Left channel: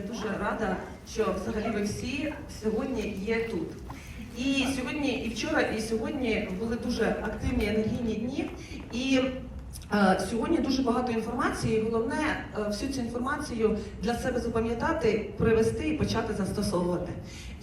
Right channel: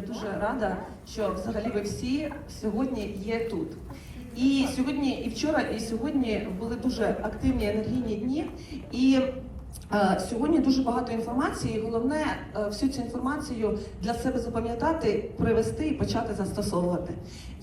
я дуже рада, що взагалі ви всі сьогодні є тут. І сьогодні, і вчора, і сьогодні були дуже активні енергійні дні. І е, сьогодні дуже багато інформації. і Головне е, всю цю інформацію для себе запам'ятати, привести і почати застосовувати.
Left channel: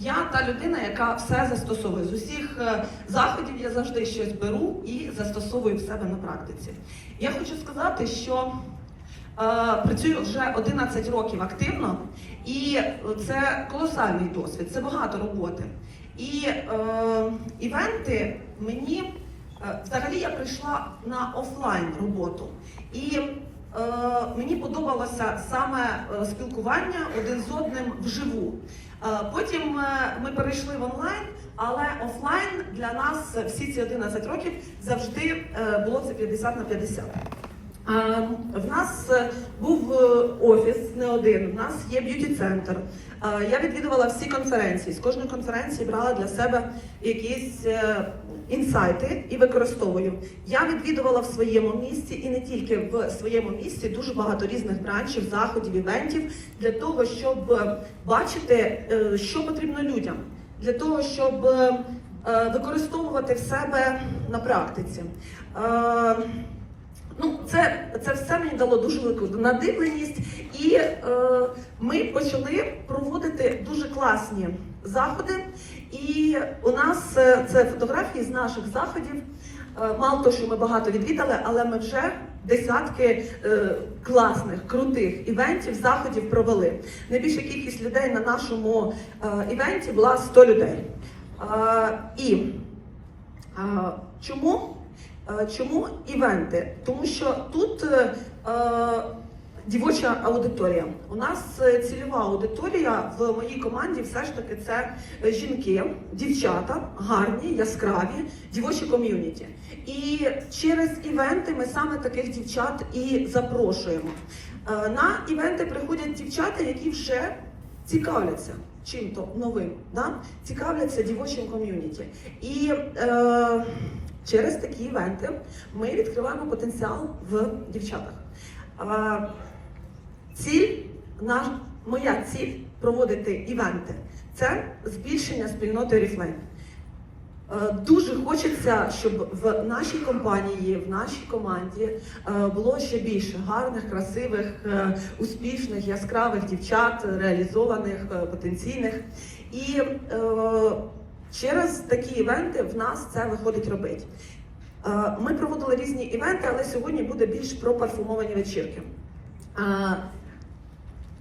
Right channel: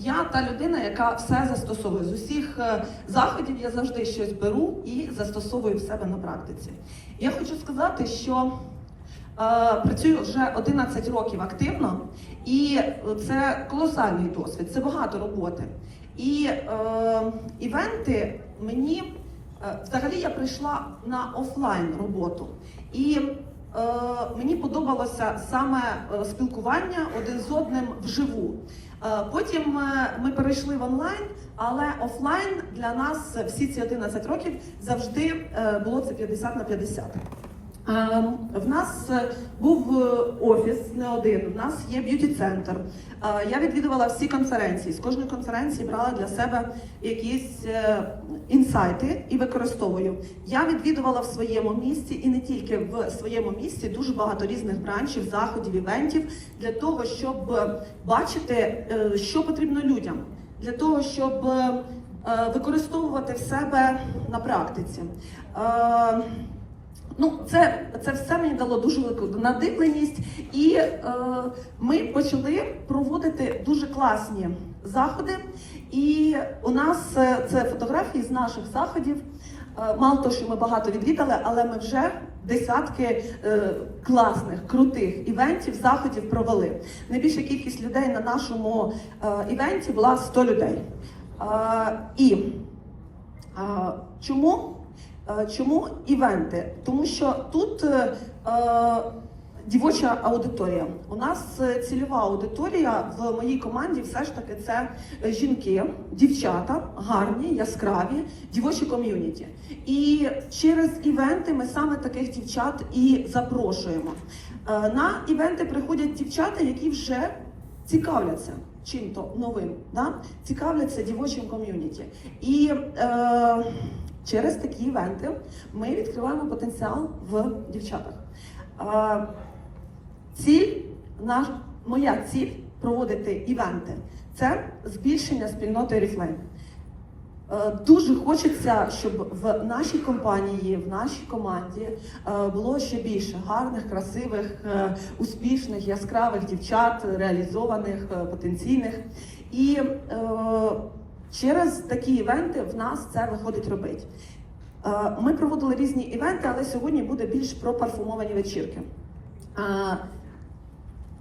Я та людина, яка все застосовує з усіх е, заходів. Я завжди щось беру і застосовую в себе на практиці. Я хочу сказати, що Працюю вже 11 років активно, і це колосальний досвід, це багато роботи. І е, івенти мені е, взагалі я прийшла на офлайн роботу. І е, мені подобалося саме е, спілкування один з одним вживу. Е, потім е, ми перейшли в онлайн, але офлайн для нас е, всі ці 11 років завжди е, було це 50 на 50. Е, В нас е, був е, офіс не один, в нас є б'юті-центр. Я відвідувала всі конференції. З кожної конференції брала для себе якісь інсайти і використовую. Я відвідувала в своєму місті і не тільки в своєму місті дуже багато різних бранчів, заходів, івентів для того, щоб бачити, що потрібно людям, для того, щоб використовувати в себе на практиці. Ну, це, це все мені дало дуже велику надивленість, і е, ми почали проводити дуже класні заходи. І у нас е, це фотографії з наших заходів. Е, мало того, що ми багато відвідали, але ми вже десятки е, класних, крутих івентів, заходів провели. Найбільша кількість людей на нашому е, івенті була 100 людей. Е, і е, чому? Е, Чому івенти? Тому що тут е, е, дівоча аудиторія. У нас е, цільова аудиторія в моїй команді все ж таки це жінки, дівчата, гарні, яскраві, дівочі ком'юніті. І через івенти ми саме таких дівчат і запрошуємо. Е, На івенти приходять дівчата, які вже цікавляться чим-то новим, да? цікавляться дівочим ком'юніті. І е, через такі івенти ми відкриваємо потенціал в дівчатах. Ціль, наш, моя ціль проводити івенти це збільшення спільноти Oriflame. Е, Дуже хочеться, щоб в нашій компанії, в нашій команді е, було ще більше гарних, красивих, е, успішних, яскравих дівчат, реалізованих, потенційних. І через такі івенти в нас це виходить робити. Е, Ми проводили різні івенти, але сьогодні буде більш про парфумовані вечірки. Е,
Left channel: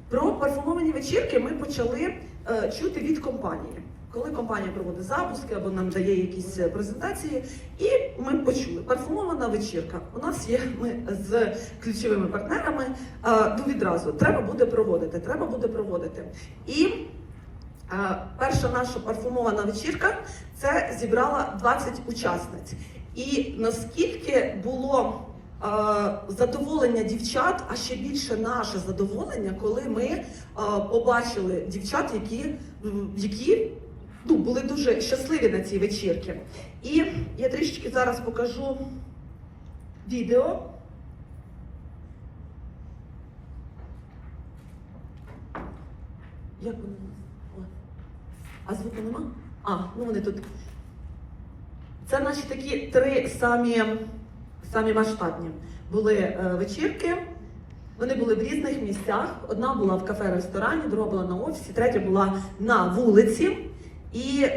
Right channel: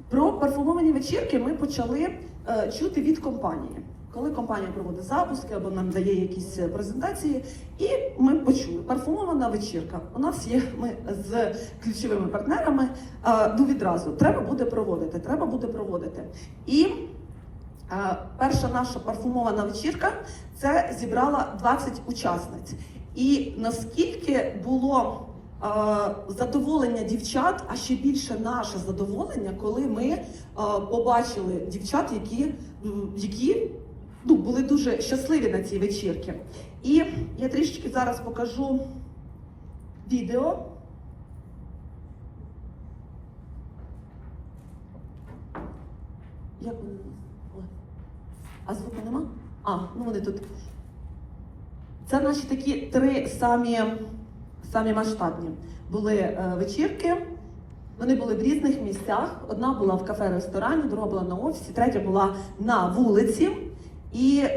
Про парфумовані вечірки ми почали е, чути від компанії. Коли компанія проводить запуски або нам дає якісь презентації, і ми почули парфумована вечірка. У нас є ми з ключовими партнерами. Ну відразу треба буде проводити. Треба буде проводити. І перша наша парфумована вечірка це зібрала 20 учасниць. І наскільки було е, задоволення дівчат, а ще більше наше задоволення, коли ми е, побачили дівчат, які, які ну, були дуже щасливі на цій вечірці. І я трішечки зараз покажу відео. Як? Ой. А звуку нема? А, ну вони тут. Це наші такі три самі, самі масштабні. Були е, вечірки, вони були в різних місцях. Одна була в кафе-ресторані, друга була на офісі, третя була на вулиці. І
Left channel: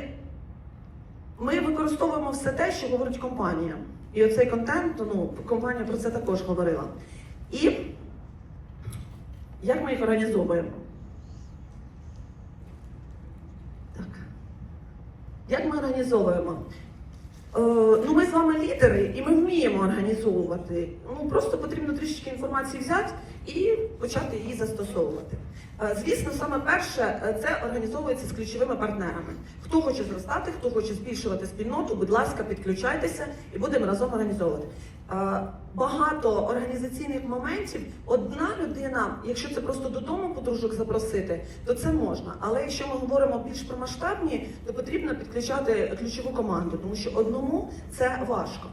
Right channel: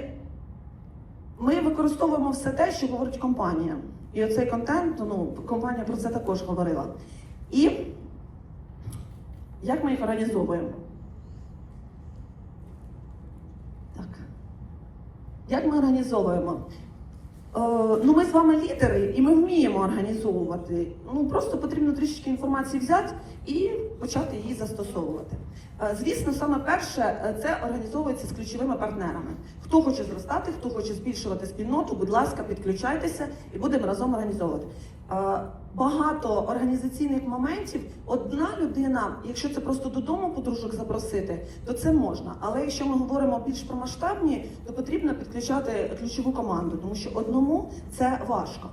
ми використовуємо все те, що говорить компанія. І оцей контент, ну, компанія про це також говорила. І як ми їх організовуємо? Як ми організовуємо? Е, ну, ми з вами лідери, і ми вміємо організовувати. Ну просто потрібно трішечки інформації взяти і почати її застосовувати. Е, Звісно, саме перше е, це організовується з ключовими партнерами. Хто хоче зростати, хто хоче збільшувати спільноту, будь ласка, підключайтеся і будемо разом організовувати. Е, Багато організаційних моментів. Одна людина, якщо це просто додому подружок запросити, то це можна. Але якщо ми говоримо більш про масштабні, то потрібно підключати ключову команду, тому що одному це важко.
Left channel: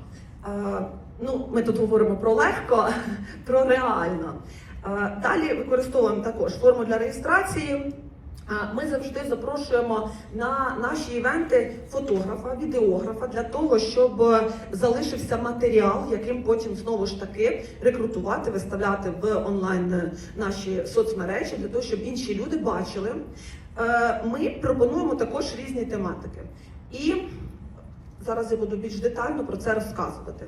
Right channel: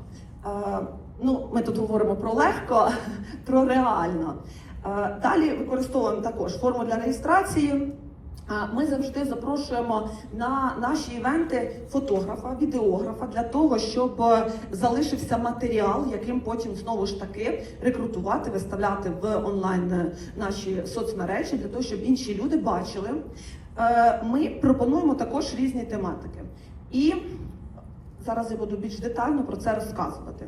Е, Ну, ми тут говоримо про легко, про реально. Е, Далі використовуємо також форму для реєстрації. Е, Ми завжди запрошуємо на наші івенти фотографа, відеографа для того, щоб залишився матеріал, яким потім знову ж таки рекрутувати, виставляти в онлайн е, наші соцмережі, для того, щоб інші люди бачили. Е, Ми пропонуємо також різні тематики. І зараз я буду більш детально про це розказувати.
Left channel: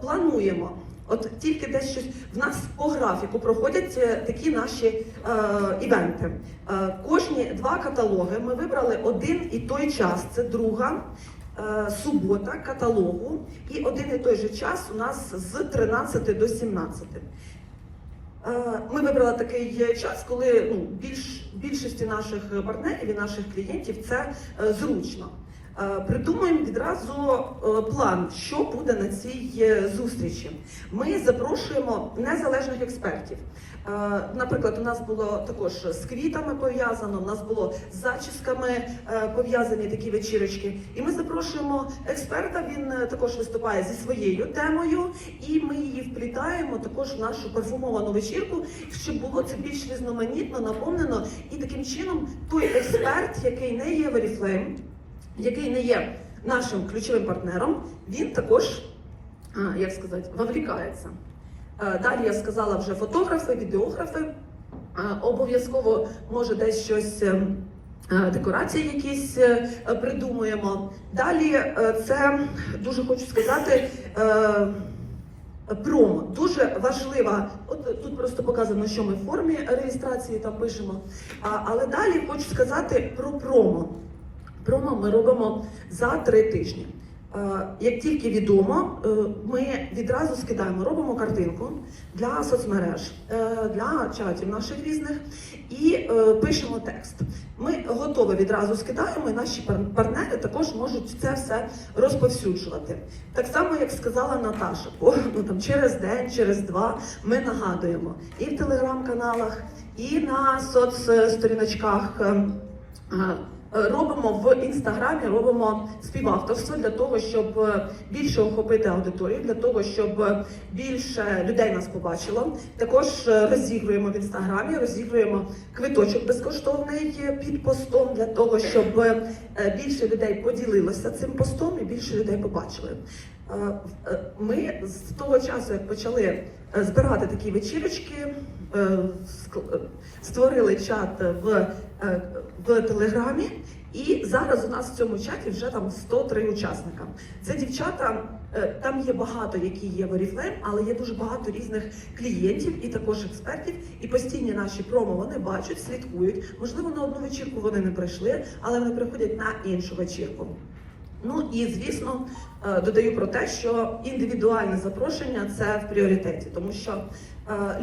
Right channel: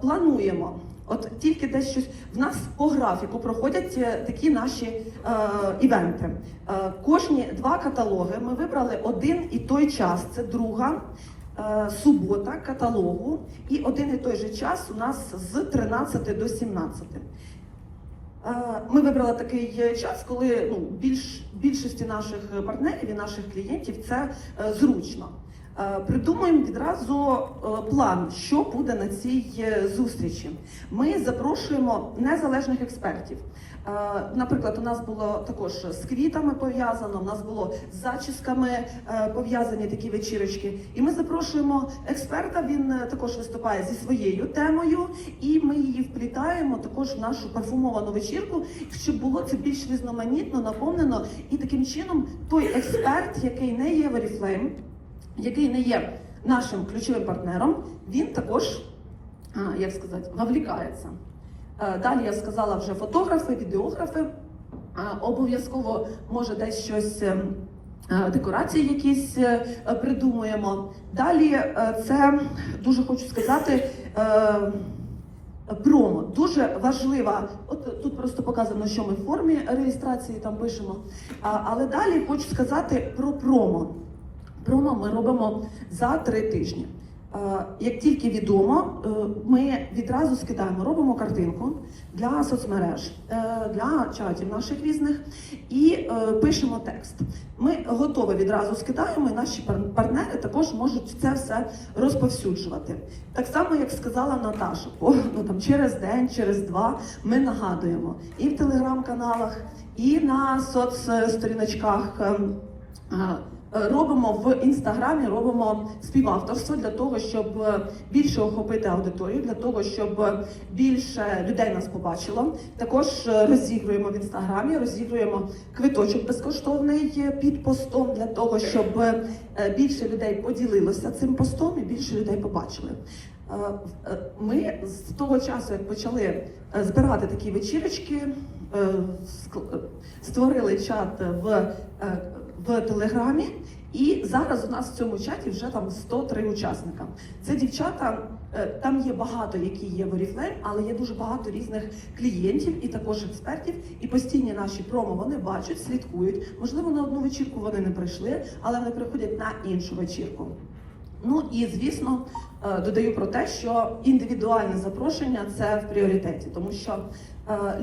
Плануємо. От тільки десь щось в нас по графіку проходять е, такі наші е, івенти. Е, кожні два каталоги ми вибрали один і той час. Це друга е, субота каталогу, і один і той же час у нас з 13 до 17. Е, Ми вибрали такий час, коли ну, більш, більшості наших партнерів і наших клієнтів це е, зручно. Е, Придумаємо відразу е, план, що буде на цій е, зустрічі. Ми запрошуємо незалежних експертів. Наприклад, у нас було також з квітами пов'язано, у нас було з зачісками пов'язані такі вечірочки. І ми запрошуємо експерта. Він також виступає зі своєю темою, і ми її вплітаємо також в нашу парфумовану вечірку, щоб було це більш різноманітно, наповнено. І таким чином той експерт, який не є в Oriflame, який не є нашим ключовим партнером, він також, як сказати, вовлікається. Е, Далі я сказала вже фотографи, відеографи. Обов'язково може десь щось. е, е, Декорації якісь придумуємо. Далі це дуже хочу сказати. Промо дуже важлива. От тут просто показано, що ми в формі реєстрації там пишемо. Але далі хочу сказати про промо. Промо ми робимо за три тижні. Е, Як тільки відомо, е, ми відразу скидаємо, робимо картинку для соцмереж, е, для чатів наших різних і пишемо текст. Ми готово відразу скидаємо, і наші партнери також можуть це все розповсюджувати. Так само, як сказала Наташа, ну, там, через день, через два ми нагадуємо і в телеграм-каналах, і на соцсторіночках. А, Робимо в інстаграмі, робимо співавторство для того, щоб е, більше охопити аудиторію, для того, щоб е, більше людей нас побачило. Також е, розігруємо в інстаграмі, розігруємо квиточок безкоштовний е, під постом для того, щоб е, більше людей поділилося цим постом і більше людей побачили. Е, е, Ми з того часу, як почали е, збирати такі вечірочки, е, е, створили чат в, е, в Телеграмі, і зараз у нас в цьому чаті вже там 103 учасника. Це дівчата, е, там є багато, які є в Oriflame, але є дуже багато різних клієнтів і також експертів. І постійні наші промо вони бачать, слідкують. Можливо, на одну вечірку вони не прийшли, але вони приходять на іншу вечірку. Ну і звісно, е, додаю про те, що індивідуальне запрошення це в пріоритеті, тому що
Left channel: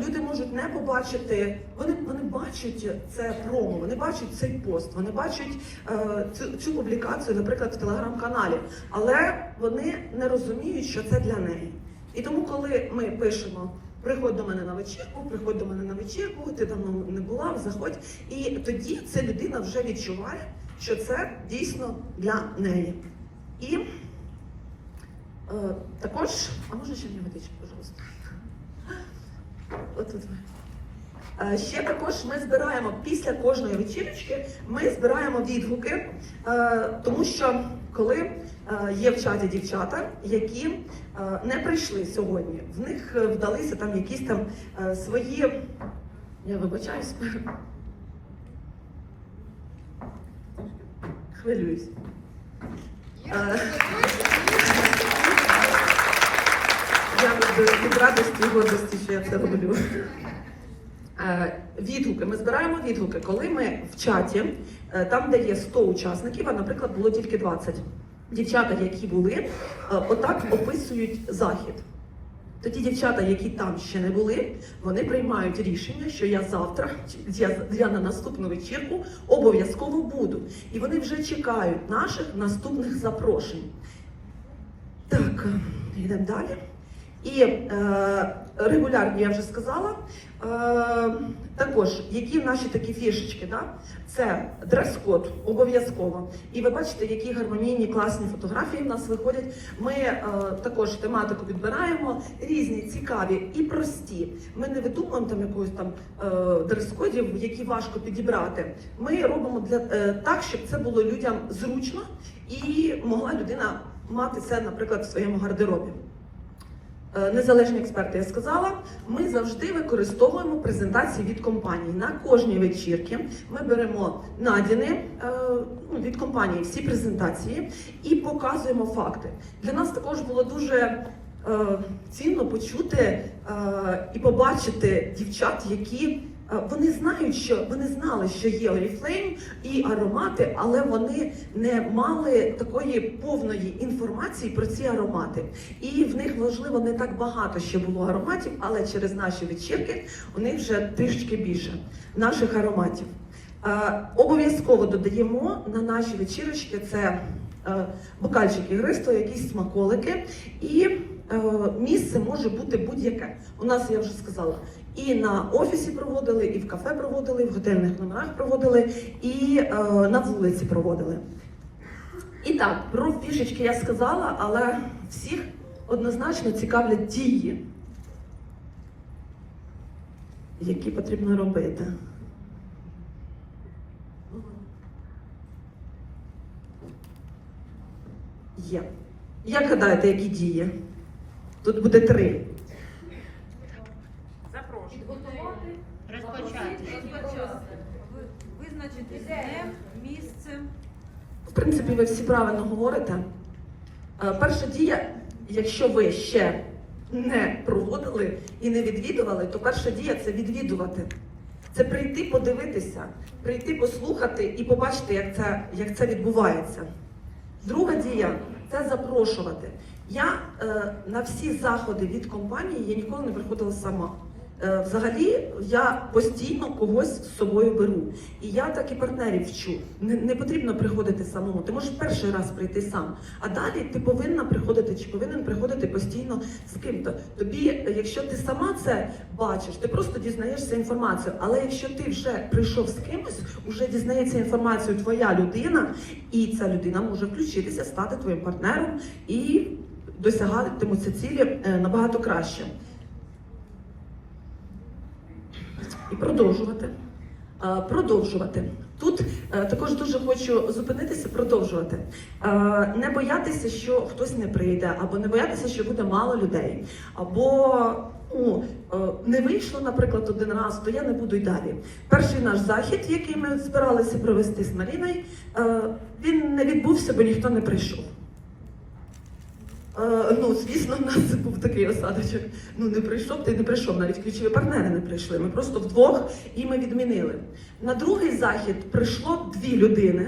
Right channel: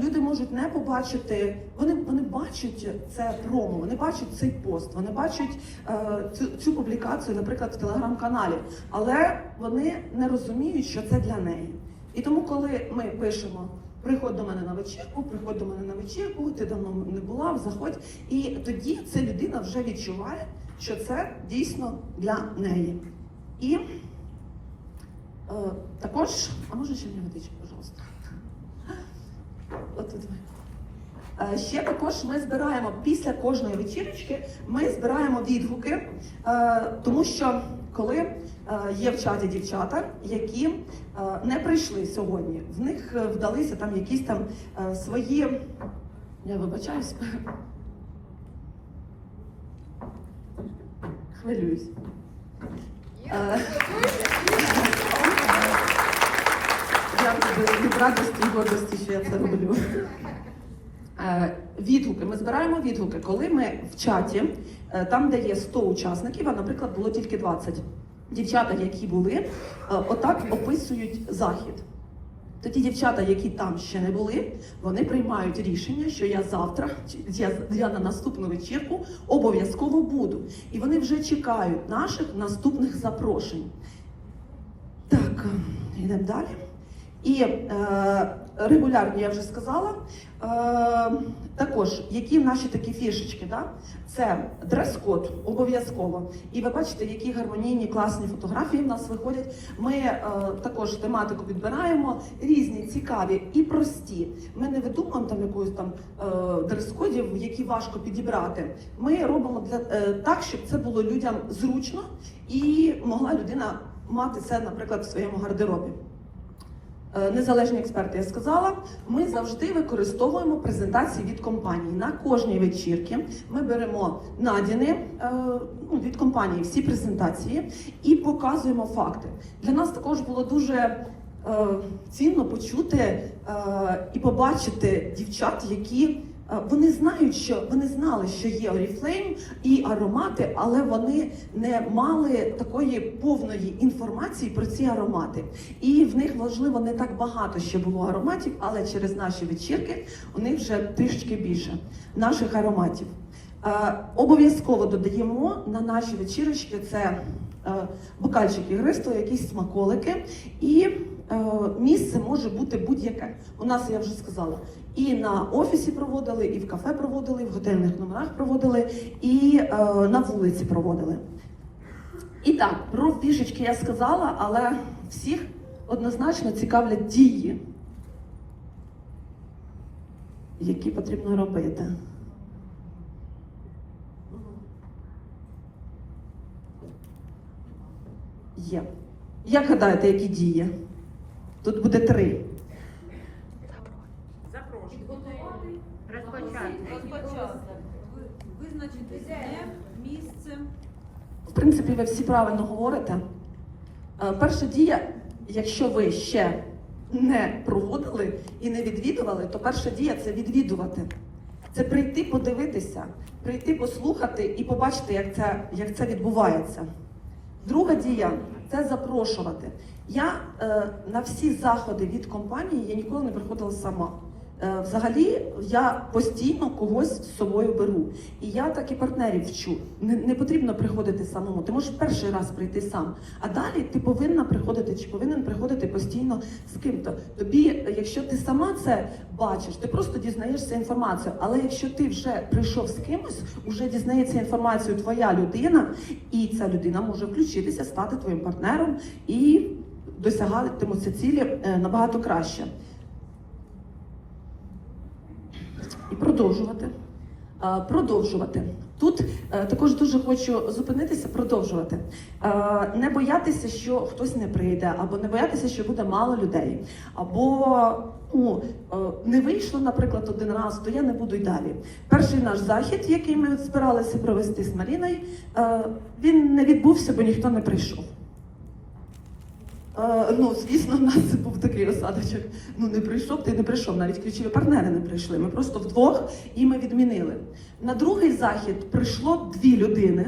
люди можуть не побачити, вони, вони бачать це промо, вони бачать цей пост, вони бачать е, цю, цю публікацію, наприклад, в телеграм-каналі, але вони не розуміють, що це для неї. І тому, коли ми пишемо. Приходь до мене на вечірку, приходь до мене на вечірку, ти давно не була, заходь. І тоді ця людина вже відчуває, що це дійсно для неї. І е, також, а може ще мені водичку, пожалуйста. Е, Ще також ми збираємо після кожної вечірочки, ми збираємо відгуки, е, тому що коли е, є в чаті дівчата, які не прийшли сьогодні, в них вдалися там якісь там свої. Я вибачаюсь. Хвилююсь. Е, Я від, радості і гордості, що я це роблю. Е, Відгуки. Ми збираємо відгуки, коли ми в чаті, е, там, де є 100 учасників, а, наприклад, було тільки 20. Дівчата, які були, е, отак описують захід. Тоді дівчата, які там ще не були, вони приймають рішення, що я завтра, я, я на наступну вечірку обов'язково буду. І вони вже чекають наших наступних запрошень. Так, йдемо далі. І е, регулярні, я вже сказала. Е, також, які наші такі фішечки, да? це дрес-код обов'язково. І ви бачите, які гармонійні класні фотографії в нас виходять. Ми е, також тематику підбираємо різні, цікаві і прості. Ми не видумуємо там якусь там е, дрес-кодів, які важко підібрати. Ми робимо для е, так, щоб це було людям зручно і могла людина мати це, наприклад, в своєму гардеробі. Е, Незалежні експерти, я сказала, ми завжди використовуємо презентації від компанії. На кожній вечірці ми беремо надіни е, ну, від компанії всі презентації і показуємо факти. Для нас також було дуже е, цінно почути і побачити дівчат, які вони знають, що вони знали, що є Oriflame і аромати, але вони не мали такої повної інформації про ці аромати. І в них важливо не так багато ще було ароматів, але через наші вечірки у них вже трішки більше наших ароматів. Е, Обов'язково додаємо на наші вечірочки це е, бокальчик ігристого, якісь смаколики, і е, місце може бути будь-яке. У нас я вже сказала, і на офісі проводили, і в кафе проводили, і в готельних номерах проводили, і е, на вулиці проводили. І так, про фішечки я сказала, але всіх однозначно цікавлять дії, які потрібно робити. Є. Як гадаєте, які дії? Тут буде три. Принципі, ви всі правильно говорите. Е, Перша дія, якщо ви ще не проводили і не відвідували, то перша дія це відвідувати. Це прийти подивитися, прийти послухати і побачити, як це, як це відбувається. Друга дія це запрошувати. Я е, на всі заходи від компанії я ніколи не приходила сама. Е, взагалі я постійно когось з собою беру. І я так і партнерів вчу. Не, не потрібно приходити самому. Ти можеш перший раз прийти сам. А далі ти повинна приходити чи повинен приходити постійно з ким-то. Тобі, якщо ти сама це бачиш, ти просто дізнаєшся інформацію. Але якщо ти вже прийшов з кимось, вже дізнається інформацію твоя людина, і ця людина може включитися, стати твоїм партнером і досягатимуться цілі е, набагато краще. І продовжувати. Е, Продовжувати. Тут е, також дуже хочу зупинитися, продовжувати. Е, Не боятися, що хтось не прийде, або не боятися, що буде мало людей, або ну, не вийшло, наприклад, один раз, то я не буду й далі. Перший наш захід, який ми збиралися провести з Маріною, він не відбувся, бо ніхто не прийшов. Ну, звісно, у нас був такий осадочок. Ну не прийшов, ти не прийшов. Навіть ключові партнери не прийшли. Ми просто вдвох і ми відмінили. На другий захід прийшло дві людини.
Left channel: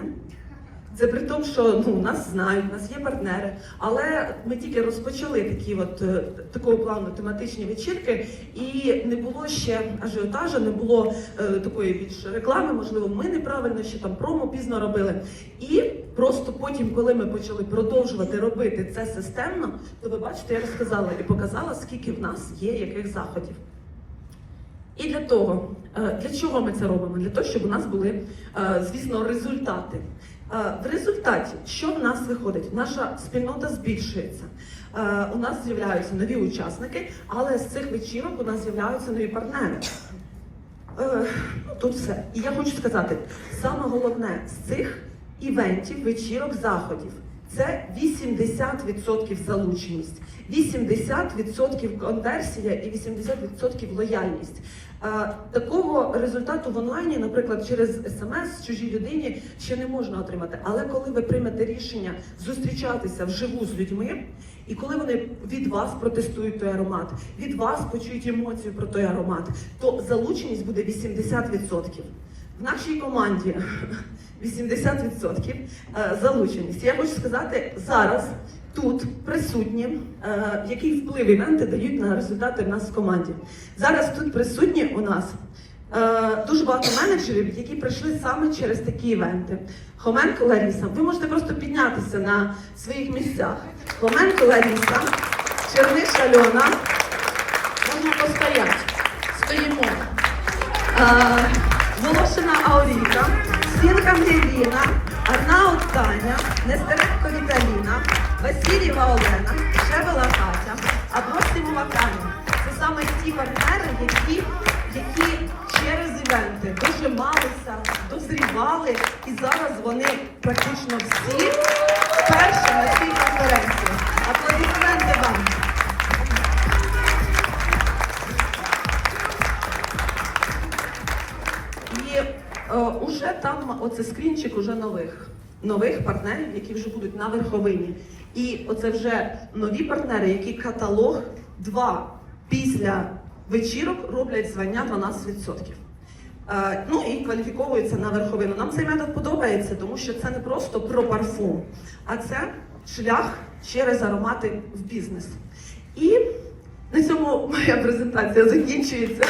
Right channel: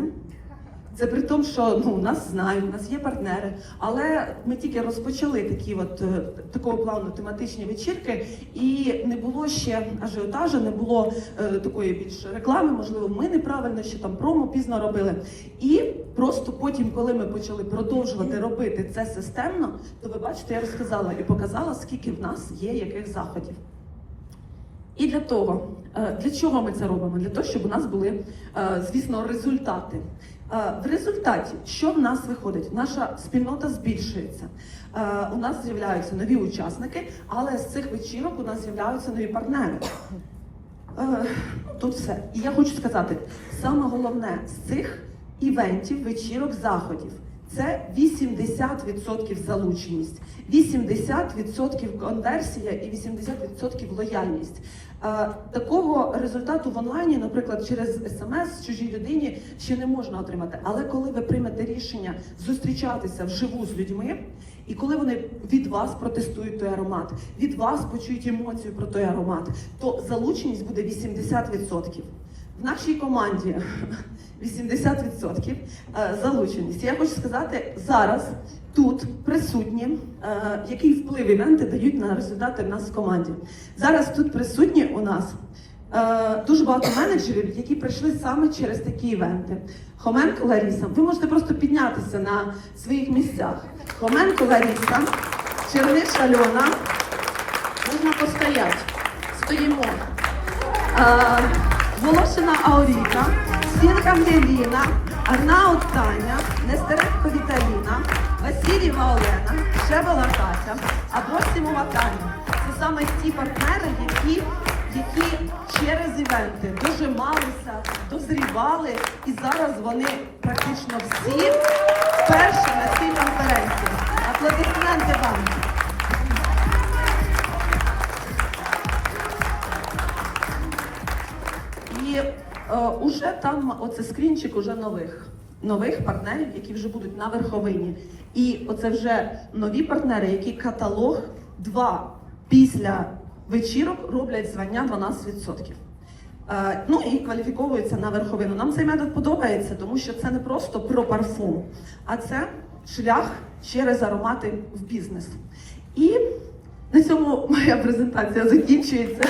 Це при тому, що ну нас знають, нас є партнери. Але ми тільки розпочали такі, от е, такого плану тематичні вечірки, і не було ще ажіотажу, не було е, такої більш реклами. Можливо, ми неправильно ще там промо пізно робили. І просто потім, коли ми почали продовжувати робити це системно, то ви бачите, я розказала і показала, скільки в нас є яких заходів. І для того, е, для чого ми це робимо? Для того, щоб у нас були, е, звісно, результати. Е, В результаті, що в нас виходить? Наша спільнота збільшується. Е, У нас з'являються нові учасники, але з цих вечірок у нас з'являються нові партнери. Е, Тут все. І я хочу сказати, саме головне з цих івентів, вечірок, заходів це 80% залученість, 80% конверсія і 80% лояльність. Такого результату в онлайні, наприклад, через смс чужій людині ще не можна отримати. Але коли ви приймете рішення зустрічатися вживу з людьми, і коли вони від вас протестують той аромат, від вас почують емоцію про той аромат, то залученість буде 80%. В нашій команді 80% е, залученість. Я хочу сказати зараз. Тут присутні, е, який вплив івенти дають на результати в нас в команді. Зараз тут присутні у нас е, дуже багато менеджерів, які прийшли саме через такі івенти. Хоменко Ларіса, ви можете просто піднятися на своїх місцях. Хоменко Ларіса, Черниш Альона, можна постояти. Стоїмо. Волошина Ауріна, Сінка Ангеліна, Арнаут Таня, Нестеренко Віталіна, Васильєва Олена, Шевела Катя, Абросимова Таня. Це саме ті партнери, які, які через івенти дожималися, дозрівали, і зараз вони практично всі перші на цій конференції. Аплодисменти І е, уже там оце скрінчик уже нових, нових партнерів, які вже будуть на верховині. І оце вже нові партнери, які каталог два після вечірок роблять звання 12%. Е, ну і кваліфіковуються на верховину. Нам цей метод подобається, тому що це не просто про парфум, а це шлях через аромати в бізнес. І на цьому моя презентація закінчується.